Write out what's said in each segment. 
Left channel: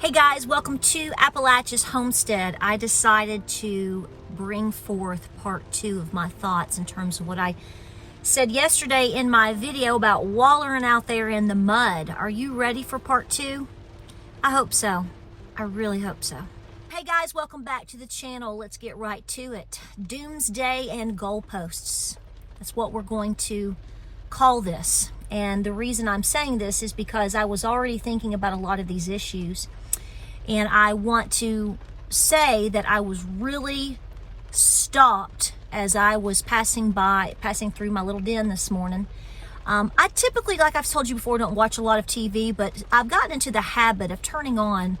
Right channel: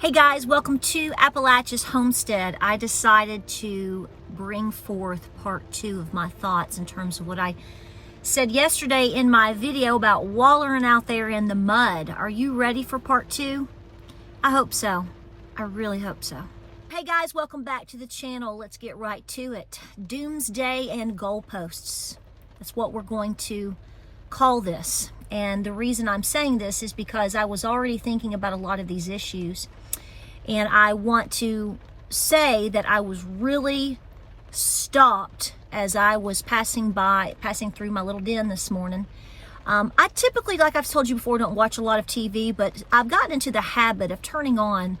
Hey guys, welcome to Appalachia's Homestead. I decided to bring forth part 2 of my thoughts in terms of what I said yesterday in my video about wallering out there in the mud. Are you ready for part 2? I hope so. I really hope so. Hey guys, welcome back to the channel. Let's get right to it. Doomsday and goalposts. That's what we're going to call this. And the reason I'm saying this is because I was already thinking about a lot of these issues. And I want to say that I was really stopped as I was passing through my little den this morning. I typically, like I've told you before, don't watch a lot of TV, but I've gotten into the habit of turning on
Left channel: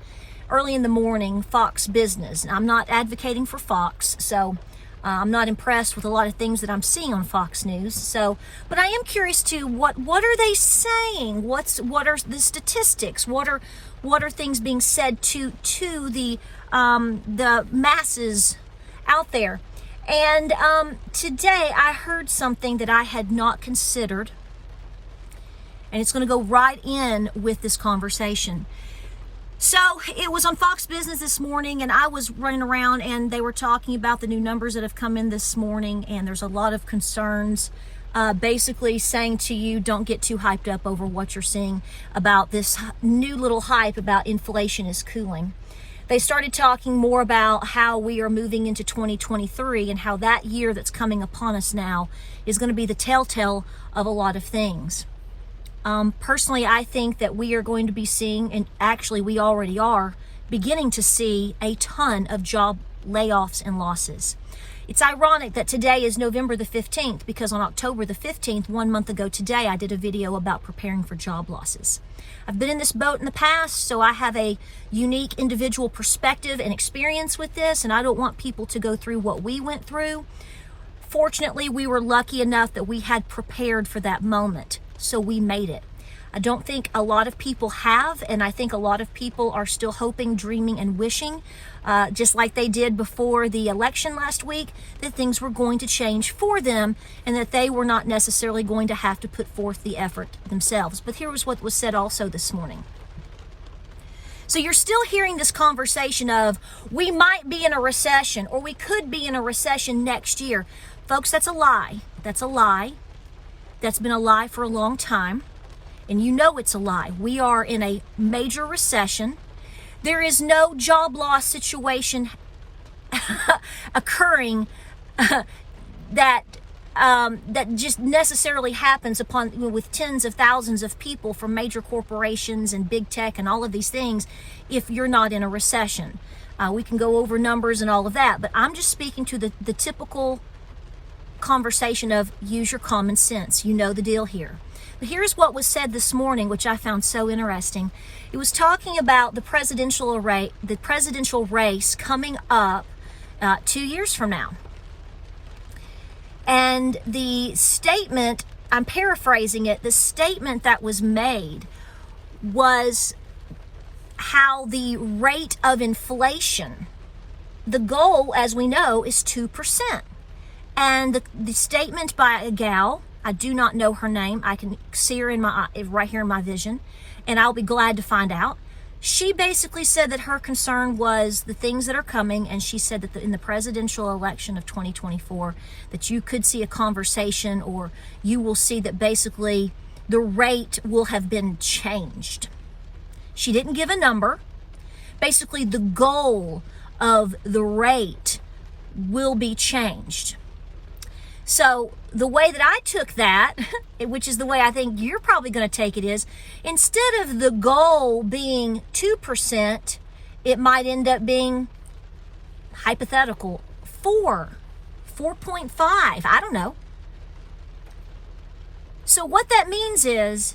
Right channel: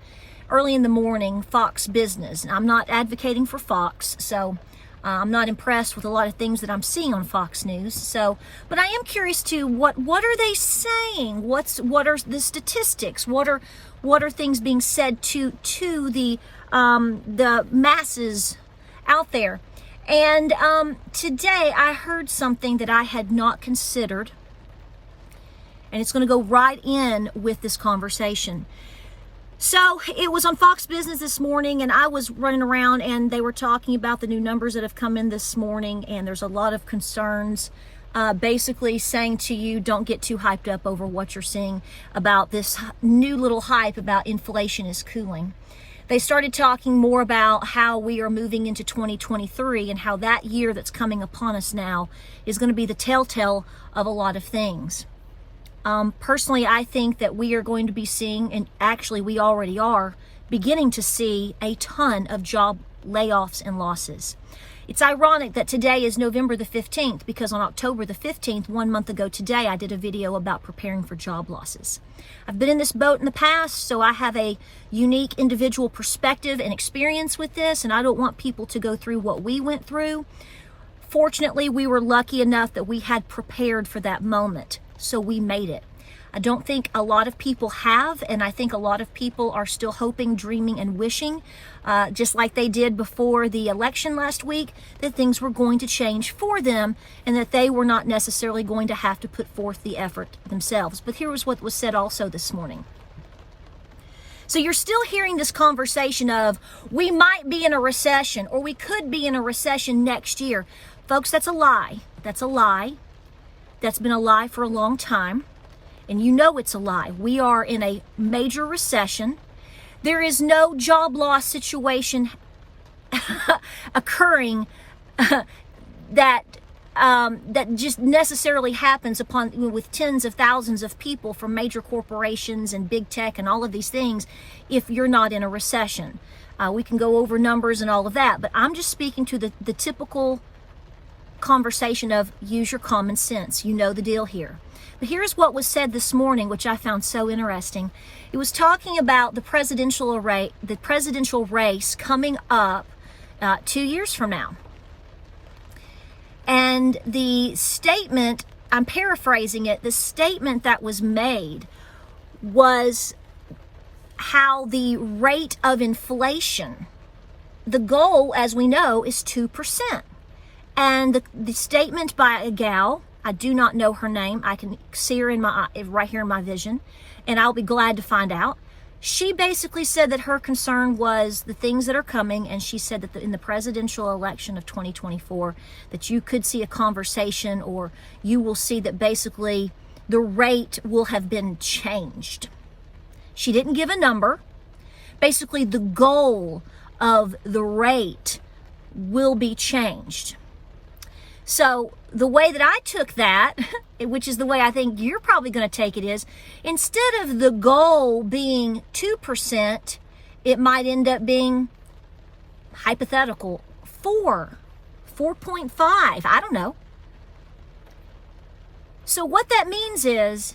early in the morning Fox Business. And I'm not advocating for Fox, so I'm not impressed with a lot of things that I'm seeing on Fox News. So, but I am curious to what are they saying? What are the statistics? What are things being said to the masses out there? And today I heard something that I had not considered, and it's going to go right in with this conversation. So it was on Fox Business this morning, and I was running around, and they were talking about the new numbers that have come in this morning, and there's a lot of concerns, basically saying to you, don't get too hyped up over what you're seeing about this new little hype about inflation is cooling. They started talking more about how we are moving into 2023 and how that year that's coming upon us now is going to be the telltale of a lot of things. Personally, I think that we are going to be seeing, and actually we already are, beginning to see a ton of job layoffs and losses. It's ironic that today is November the 15th because on October the 15th, 1 month ago today, I did a video about preparing for job losses. I've been in this boat in the past, so I have a unique individual perspective and experience with this, and I don't want people to go through what we went through. Fortunately, we were lucky enough that we had prepared for that moment. So we made it. I don't think a lot of people have, and I think a lot of people are still hoping, dreaming, and wishing, just like they did before the election last week, that things were going to change for them and that they were not necessarily going to have to put forth the effort themselves. But here was what was said also this morning. So you're still hearing this conversation of, we might be in a recession, or we could be in a recession next year. Folks, that's a lie. That's a lie. That's been a lie for a long time, and you know it's a lie. We are in a major recession. There is no job loss situation occurring that just necessarily happens with tens of thousands of people from major corporations and big tech and all of these things if you're not in a recession. We can go over numbers and all of that, but I'm just speaking to the typical conversation of use your common sense. You know the deal here. But here's what was said this morning, which I found so interesting. It was talking about the presidential race coming up 2 years from now. And the statement, I'm paraphrasing it, the statement that was made was how the rate of inflation, the goal, as we know, is 2%. And the statement by a gal, I do not know her name. I can see her right here in my vision, and I'll be glad to find out. She basically said that her concern was the things that are coming, and she said that in the presidential election of 2024, that you could see a conversation, or you will see that basically the rate will have been changed. She didn't give a number. Basically, the goal of the rate will be changed. So the way that I took that, which is the way I think you're probably going to take it, is instead of the goal being 2%, it might end up being hypothetical 4.5, I don't know. So what that means is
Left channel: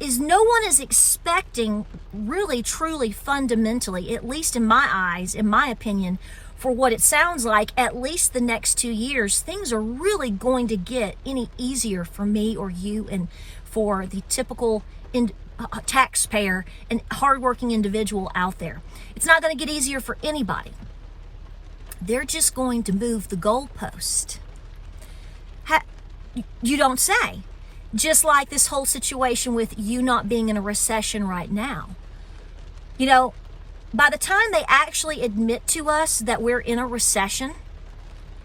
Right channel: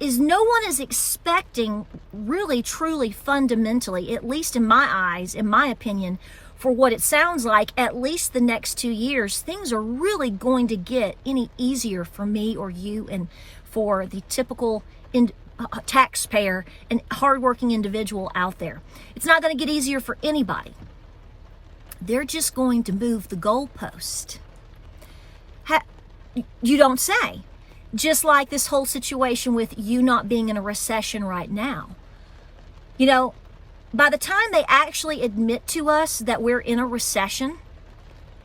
no one is expecting really, truly, fundamentally, at least in my eyes, in my opinion, for what it sounds like, at least the next 2 years, things are really going to get any easier for me or you and for the typical taxpayer and hardworking individual out there. It's not going to get easier for anybody. They're just going to move the goalpost. You don't say. Just like this whole situation with you not being in a recession right now. You know, by the time they actually admit to us that we're in a recession,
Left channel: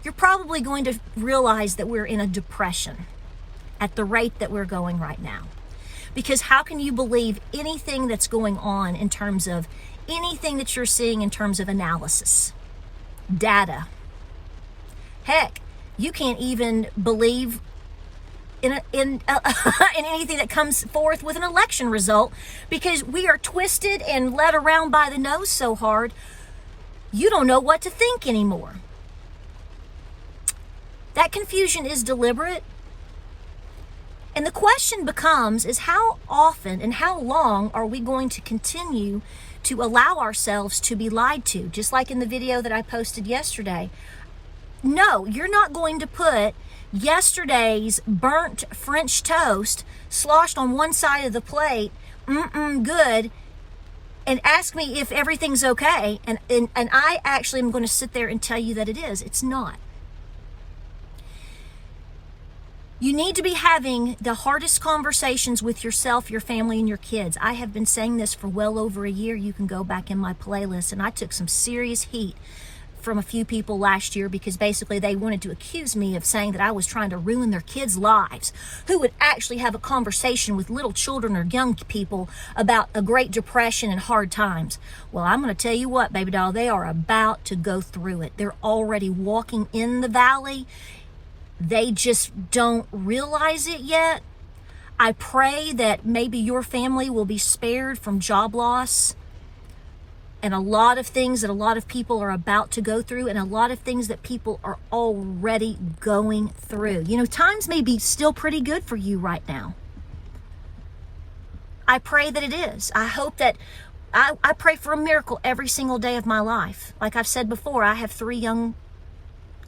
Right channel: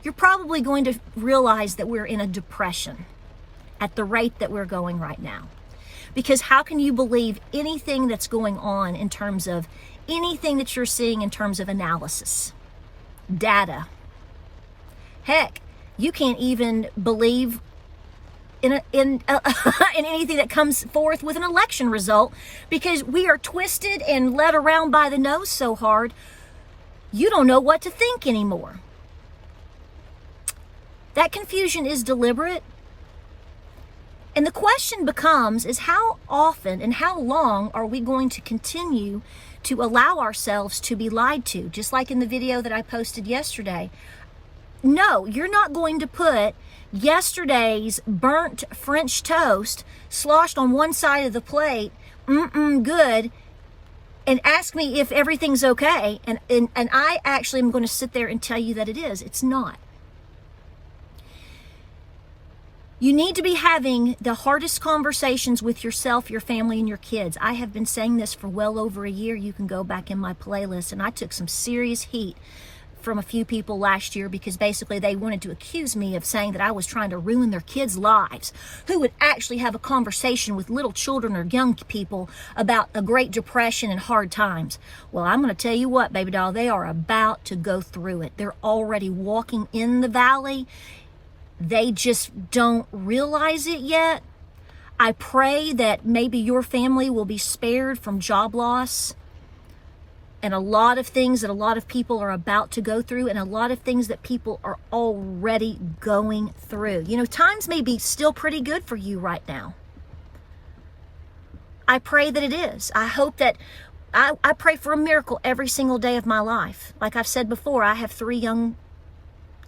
you're probably going to realize that we're in a depression at the rate that we're going right now. Because how can you believe anything that's going on in terms of anything that you're seeing in terms of analysis, data? Heck, you can't even believe in anything that comes forth with an election result, because we are twisted and led around by the nose so hard, you don't know what to think anymore. That confusion is deliberate. And the question becomes is how often and how long are we going to continue to allow ourselves to be lied to? Just like in the video that I posted yesterday. No, you're not going to put yesterday's burnt French toast sloshed on one side of the plate, good, and ask me if everything's okay. And I actually am going to sit there and tell you that it is. It's not. You need to be having the hardest conversations with yourself, your family, and your kids. I have been saying this for well over a year. You can go back in my playlist, and I took some serious heat from a few people last year because basically they wanted to accuse me of saying that I was trying to ruin their kids' lives. Who would actually have a conversation with little children or young people about a Great Depression and hard times? Well, I'm going to tell you what, baby doll, they are about to go through it. They're already walking in the valley. They just don't realize it yet. I pray that maybe your family will be spared from job loss and a lot of things that a lot of people are about to go through, and a lot of things that people are already going through. You know, times may be still pretty good for you right now. I pray that it is. I hope that I pray for a miracle every single day of my life. Like I've said before, I have three young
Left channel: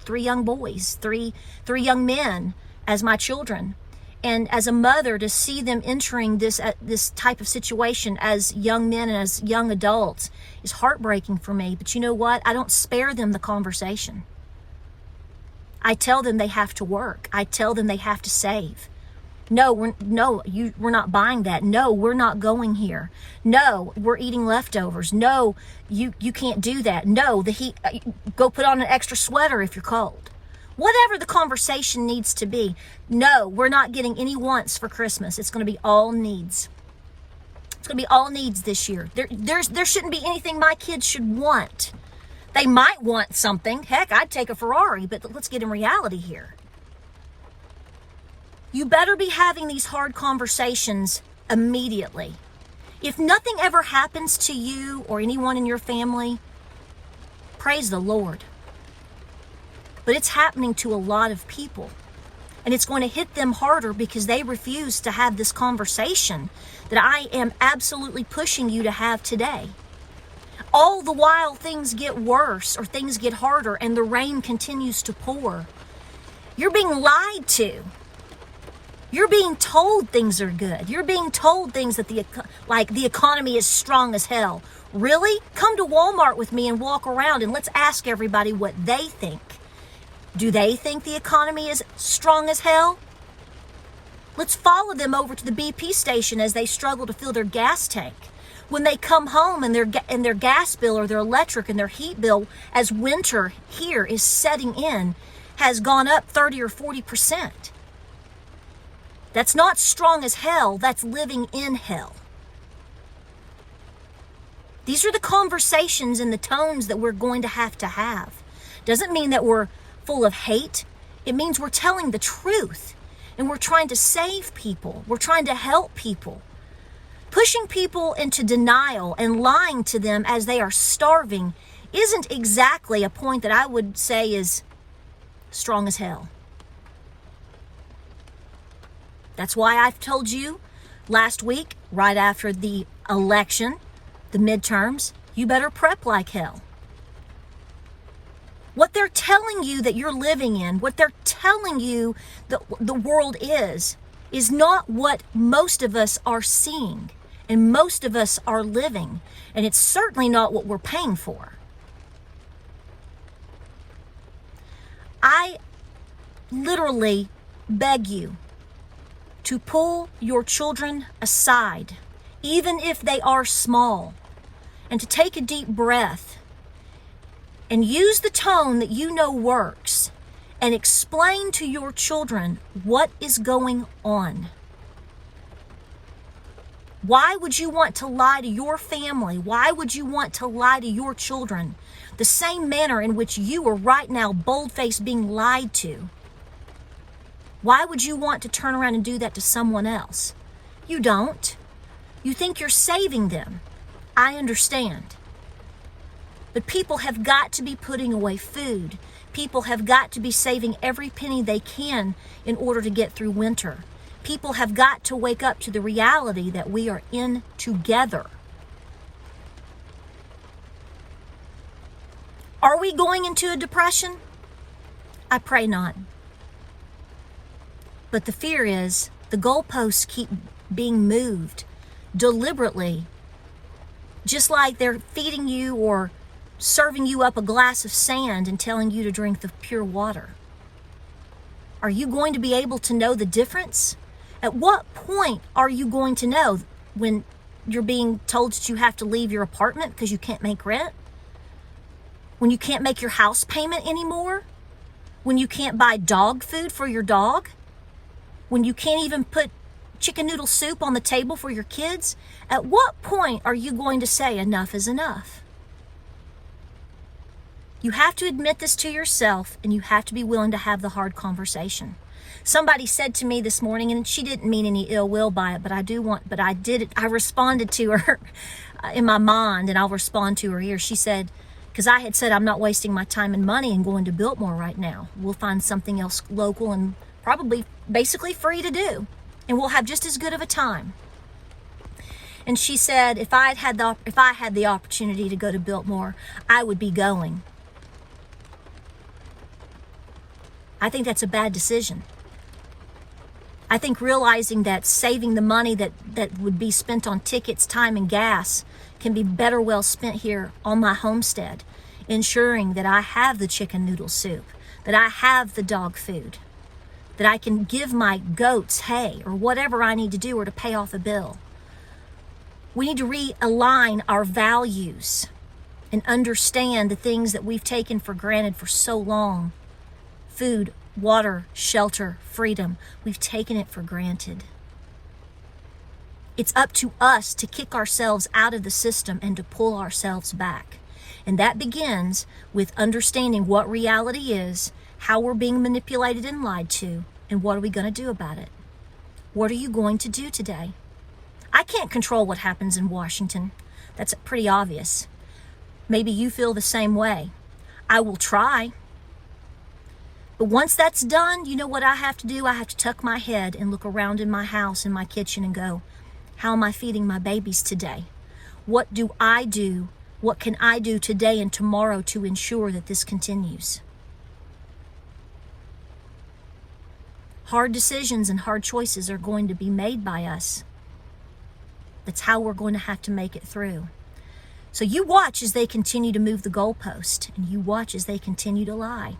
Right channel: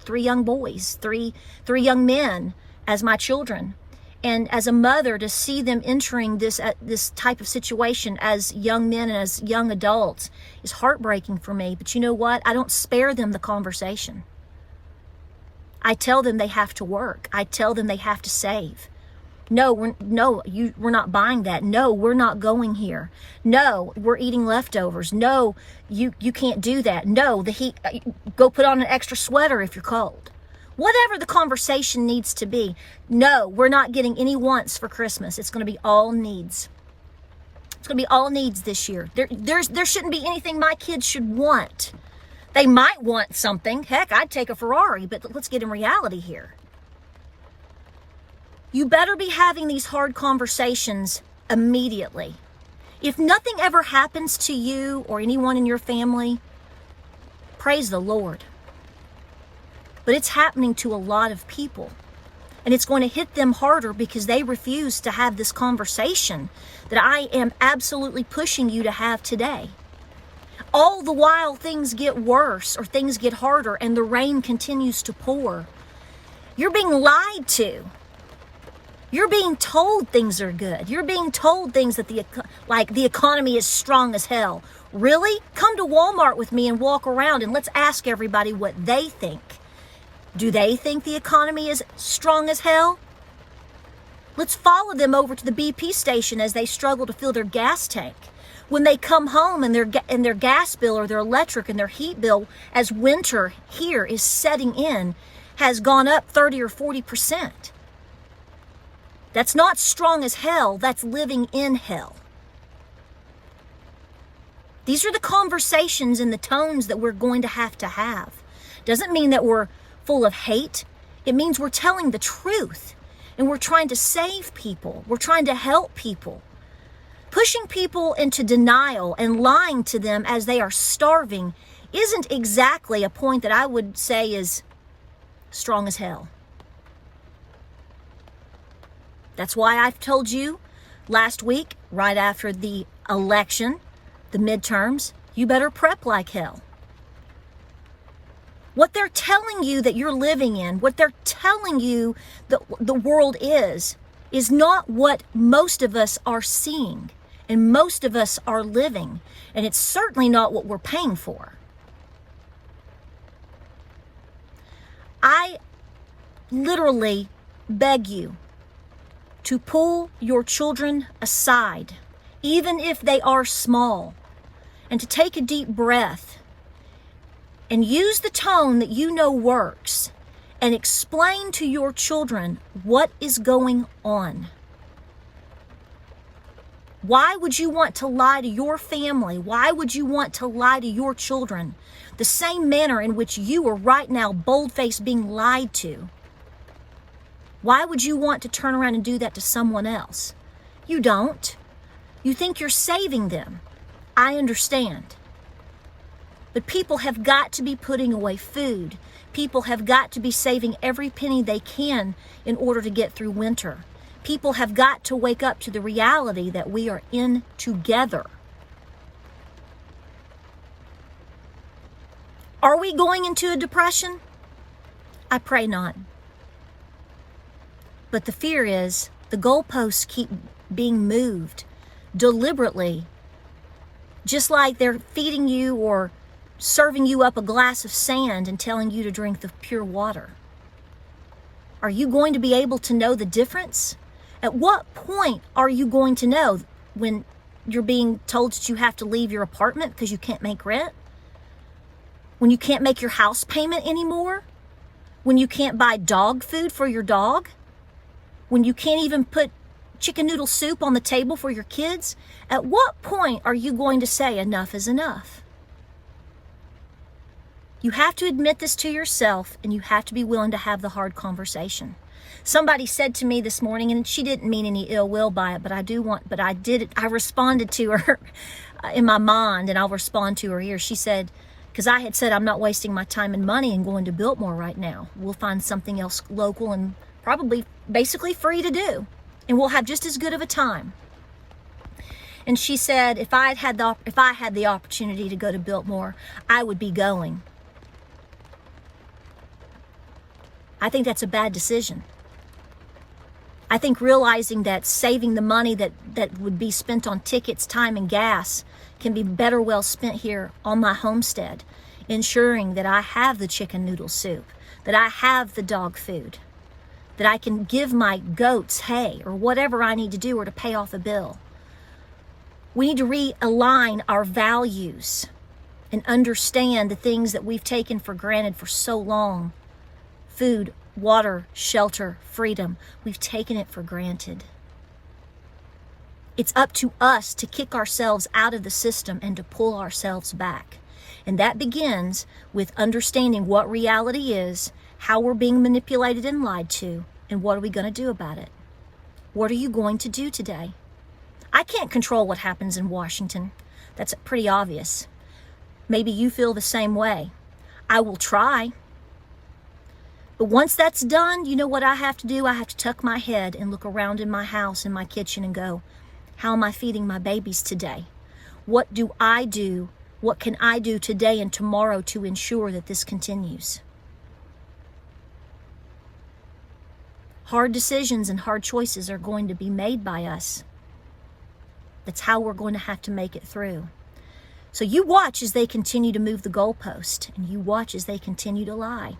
boys, three young men as my children. And as a mother, to see them entering this type of situation as young men and as young adults is heartbreaking for me. But you know what? I don't spare them the conversation. I tell them they have to work. I tell them they have to save. No, we're not buying that. No, we're not going here. No, we're eating leftovers. No, you can't do that. No, the heat. Go put on an extra sweater if you're cold. Whatever the conversation needs to be. No, we're not getting any wants for Christmas. It's going to be all needs. It's going to be all needs this year. There shouldn't be anything my kids should want. They might want something. Heck, I'd take a Ferrari, but let's get in reality here. You better be having these hard conversations immediately. If nothing ever happens to you or anyone in your family, praise the Lord. But it's happening to a lot of people. And it's going to hit them harder because they refuse to have this conversation that I am absolutely pushing you to have today. All the while things get worse or things get harder and the rain continues to pour. You're being lied to. You're being told things are good. You're being told things that the economy is strong as hell. Really? Come to Walmart with me and walk around and let's ask everybody what they think. Do they think the economy is strong as hell? Let's follow them over to the BP station as they struggle to fill their gas tank. When they come home and their gas bill or their electric and their heat bill, as winter here is setting in, has gone up 30 or 40%. That's not strong as hell. That's living in hell. These are the conversations and the tones that we're going to have. Doesn't mean that we're full of hate. It means we're telling the truth and we're trying to save people. We're trying to help people. Pushing people into denial and lying to them as they are starving isn't exactly a point that I would say is strong as hell. That's why I've told you last week, right after the election, the midterms, you better prep like hell. What they're telling you that you're living in, what they're telling you that the world is not what most of us are seeing and most of us are living. And it's certainly not what we're paying for. I literally beg you to pull your children aside, even if they are small, and to take a deep breath and use the tone that you know works and explain to your children what is going on. Why would you want to lie to your family? Why would you want to lie to your children? The same manner in which you are right now bold-faced being lied to. Why would you want to turn around and do that to someone else? You don't. You think you're saving them. I understand. But people have got to be putting away food. People have got to be saving every penny they can in order to get through winter. People have got to wake up to the reality that we are in together. Are we going into a depression? I pray not. But the fear is the goalposts keep being moved deliberately, just like they're feeding you or serving you up a glass of sand and telling you to drink the pure water. Are you going to be able to know the difference? At what point are you going to know when you're being told that you have to leave your apartment because you can't make rent? When you can't make your house payment anymore? When you can't buy dog food for your dog? When you can't even put chicken noodle soup on the table for your kids? At what point are you going to say enough is enough? You have to admit this to yourself, and you have to be willing to have the hard conversation. Somebody said to me this morning, and she didn't mean any ill will by it, but I responded to her in my mind, and I'll respond to her here. She said, because I had said I'm not wasting my time and money and going to Biltmore right now. We'll find something else local and probably basically free to do, and we'll have just as good of a time. And she said, if I had the opportunity to go to Biltmore, I would be going. I think that's a bad decision. I think realizing that saving the money that would be spent on tickets, time, and gas can be better well spent here on my homestead, ensuring that I have the chicken noodle soup, that I have the dog food, that I can give my goats hay or whatever I need to do or to pay off a bill. We need to realign our values and understand the things that we've taken for granted for so long. Food, water, shelter, freedom. We've taken it for granted. It's up to us to kick ourselves out of the system and to pull ourselves back. And that begins with understanding what reality is, how we're being manipulated and lied to, and what are we going to do about it? What are you going to do today? I can't control what happens in Washington. That's pretty obvious. Maybe you feel the same way. I will try. But once that's done, you know what I have to do? I have to tuck my head and look around in my house, in my kitchen, and go, how am I feeding my babies today? What do I do? What can I do today and tomorrow to ensure that this continues? Hard decisions and hard choices are going to be made by us. That's how we're going to have to make it through. So you watch as they continue to move the goalpost, and you watch as they continue to lie.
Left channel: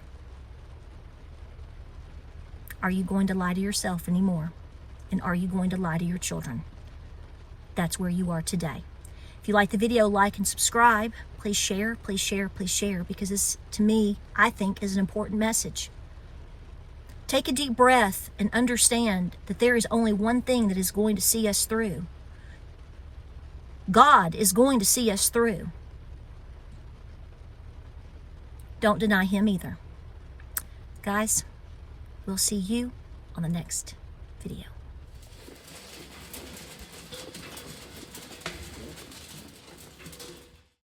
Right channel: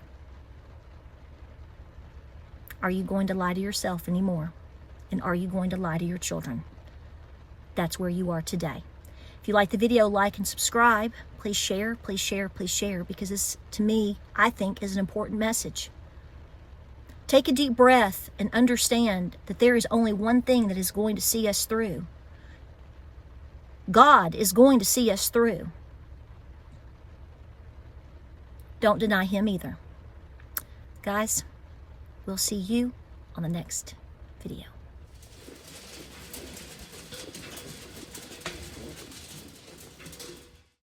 Are you going to lie to yourself anymore? And are you going to lie to your children? That's where you are today. If you like the video, like and subscribe. Please share, please share, please share, because this, to me, I think, is an important message. Take a deep breath and understand that there is only one thing that is going to see us through. God is going to see us through. Don't deny Him either. Guys, we'll see you on the next video.